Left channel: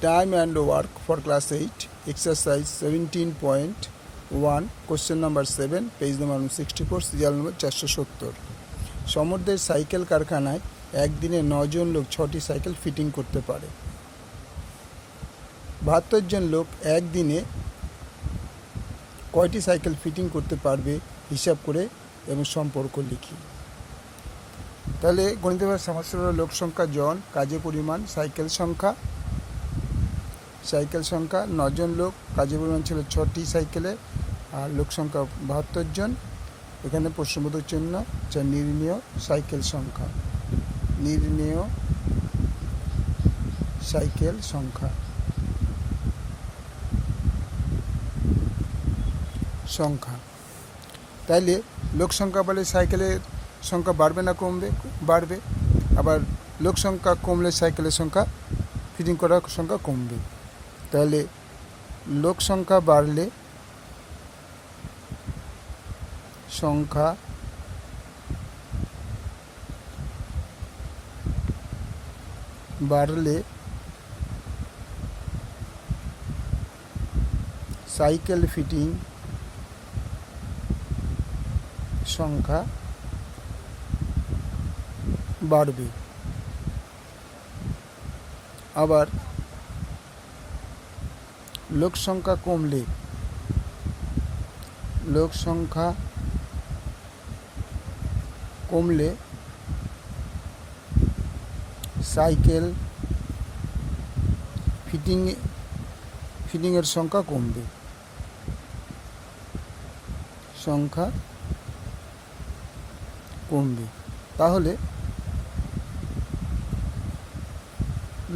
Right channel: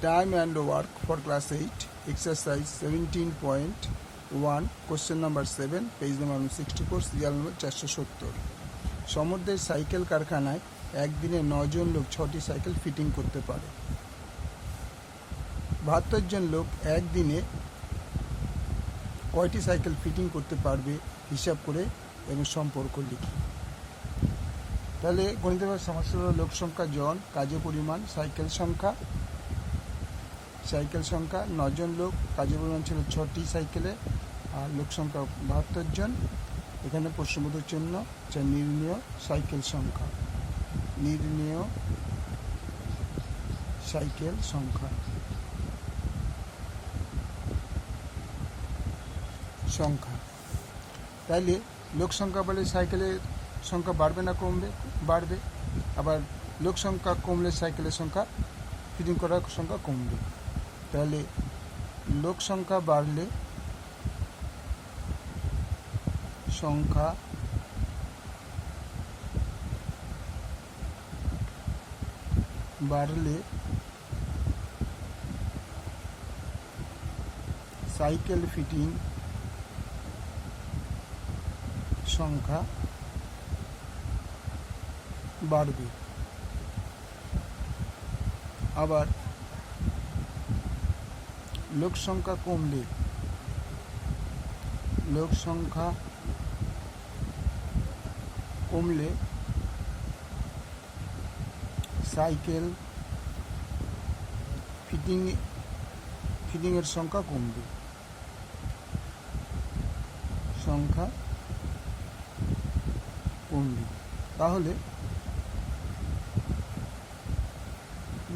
Time and work for class 8, exercise 17.1, question number 7, page number 64, serial number 470। সমুদ্রের cycle কারখানায় একদিনে 9 জন লোক 6টি সাইকেল ফিটিং করতে পারে। 72 জন লোক একদিনে কয়টি সাইকেল ফিটিং করতে পারবে হিসাব করে এবং সম্পর্ক লিখি। তাহলে গণিতের সমস্যা হলো লোক সংখ্যা জন, কাজের পরিমাণ, সাইকেল সংখ্যা 9 জন লোক, কাজের পরিমাণ ছিল 6টি সাইকেলে, আর লোক সংখ্যা 72 জন। এখানে প্রশ্নবোধক চিহ্ন, যা নির্ণেয় সাইকেল সংখ্যা, নির্ণেয় সাইকেল সংখ্যা তাইলে লোক সংখ্যা বলে সাইকেলের সংখ্যা বাড়বে না কমবে? বাড়বে। আবার লোক সংখ্যা কমলে সাইকেলের সংখ্যা ফিটিং করার সংখ্যা কমবে। তাহলে লোক সংখ্যা বাড়লে সাইকেল ফিটিং সংখ্যা বাড়বে। আবার লোক সংখ্যা কমলে সাইকেল ফিটিংয়ের সংখ্যা কমবে। তাহলে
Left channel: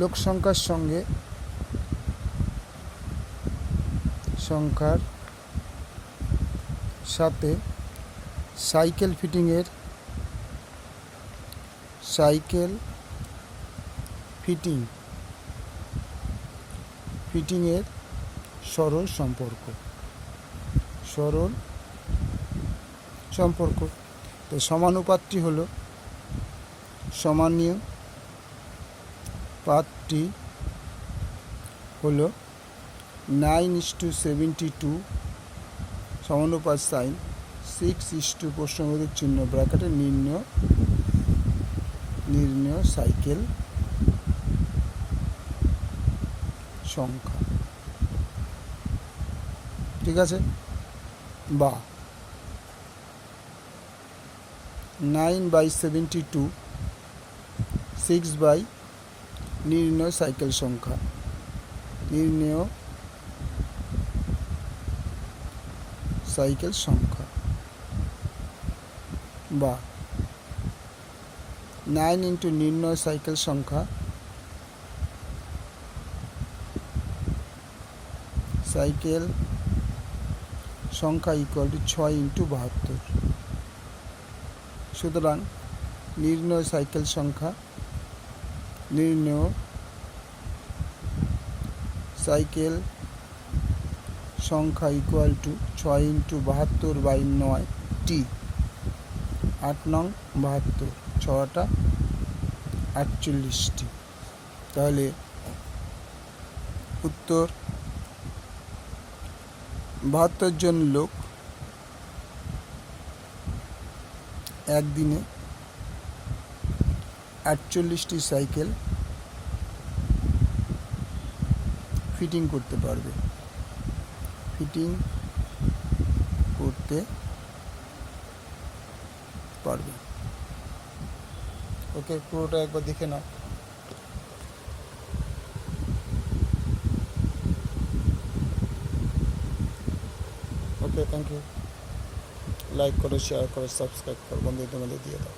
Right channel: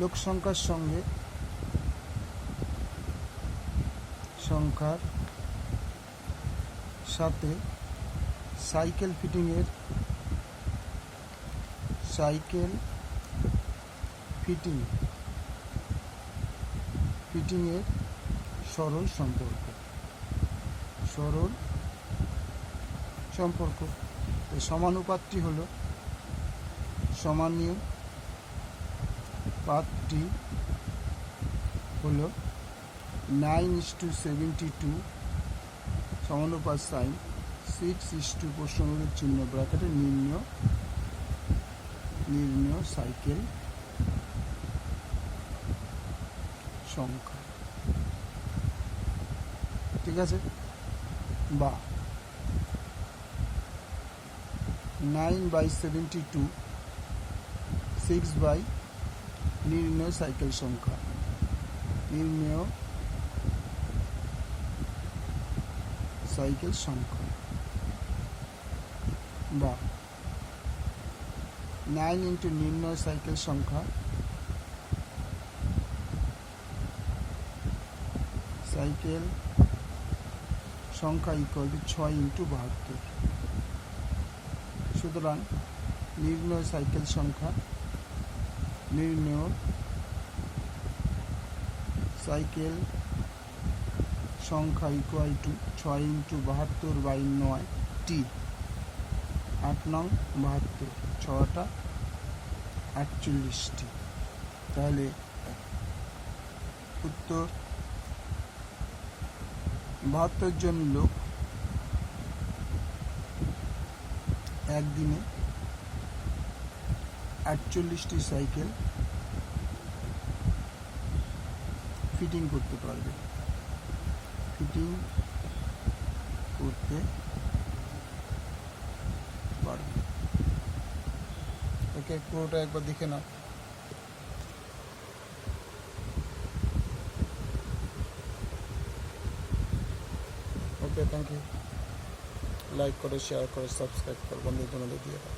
লোক সংখ্যার সাথে সাইকেল ফিটিংয়ের সরল সম্পর্ক। তো সমানুপাতটি হলো 9:72, সমানুপাত সাইন 6 প্রশ্নবোধক চিহ্ন ব্র্যাকেটে নির্ণেয় সাইকেল সংখ্যা। ঠিক আছে? বা 9/72 6 নির্ণেয় সাইকেল সংখ্যা, বা 9 ইন্টু নির্ণেয় সাইকেল সংখ্যা, ইকুয়াল টু 6 ইন্টু 72। সুতরাং নির্ণেয় সাইকেল সংখ্যা ইকুয়াল টু 6 ইন্টু 72/9t। 8 নং 72, 6টা 48টি। তাহলে উত্তর 72 জন লোক একদিনে 48টি সাইকেল ফিটিং করতে পারবে। ওকে, পুরোটা একবার দেখে নাও। ওকে, থ্যাংক ইউ। লাইক করো, শেয়ার করো, সাবস্ক্রাইব করো, বন্ধুদের মধ্যে দিয়ে দাও।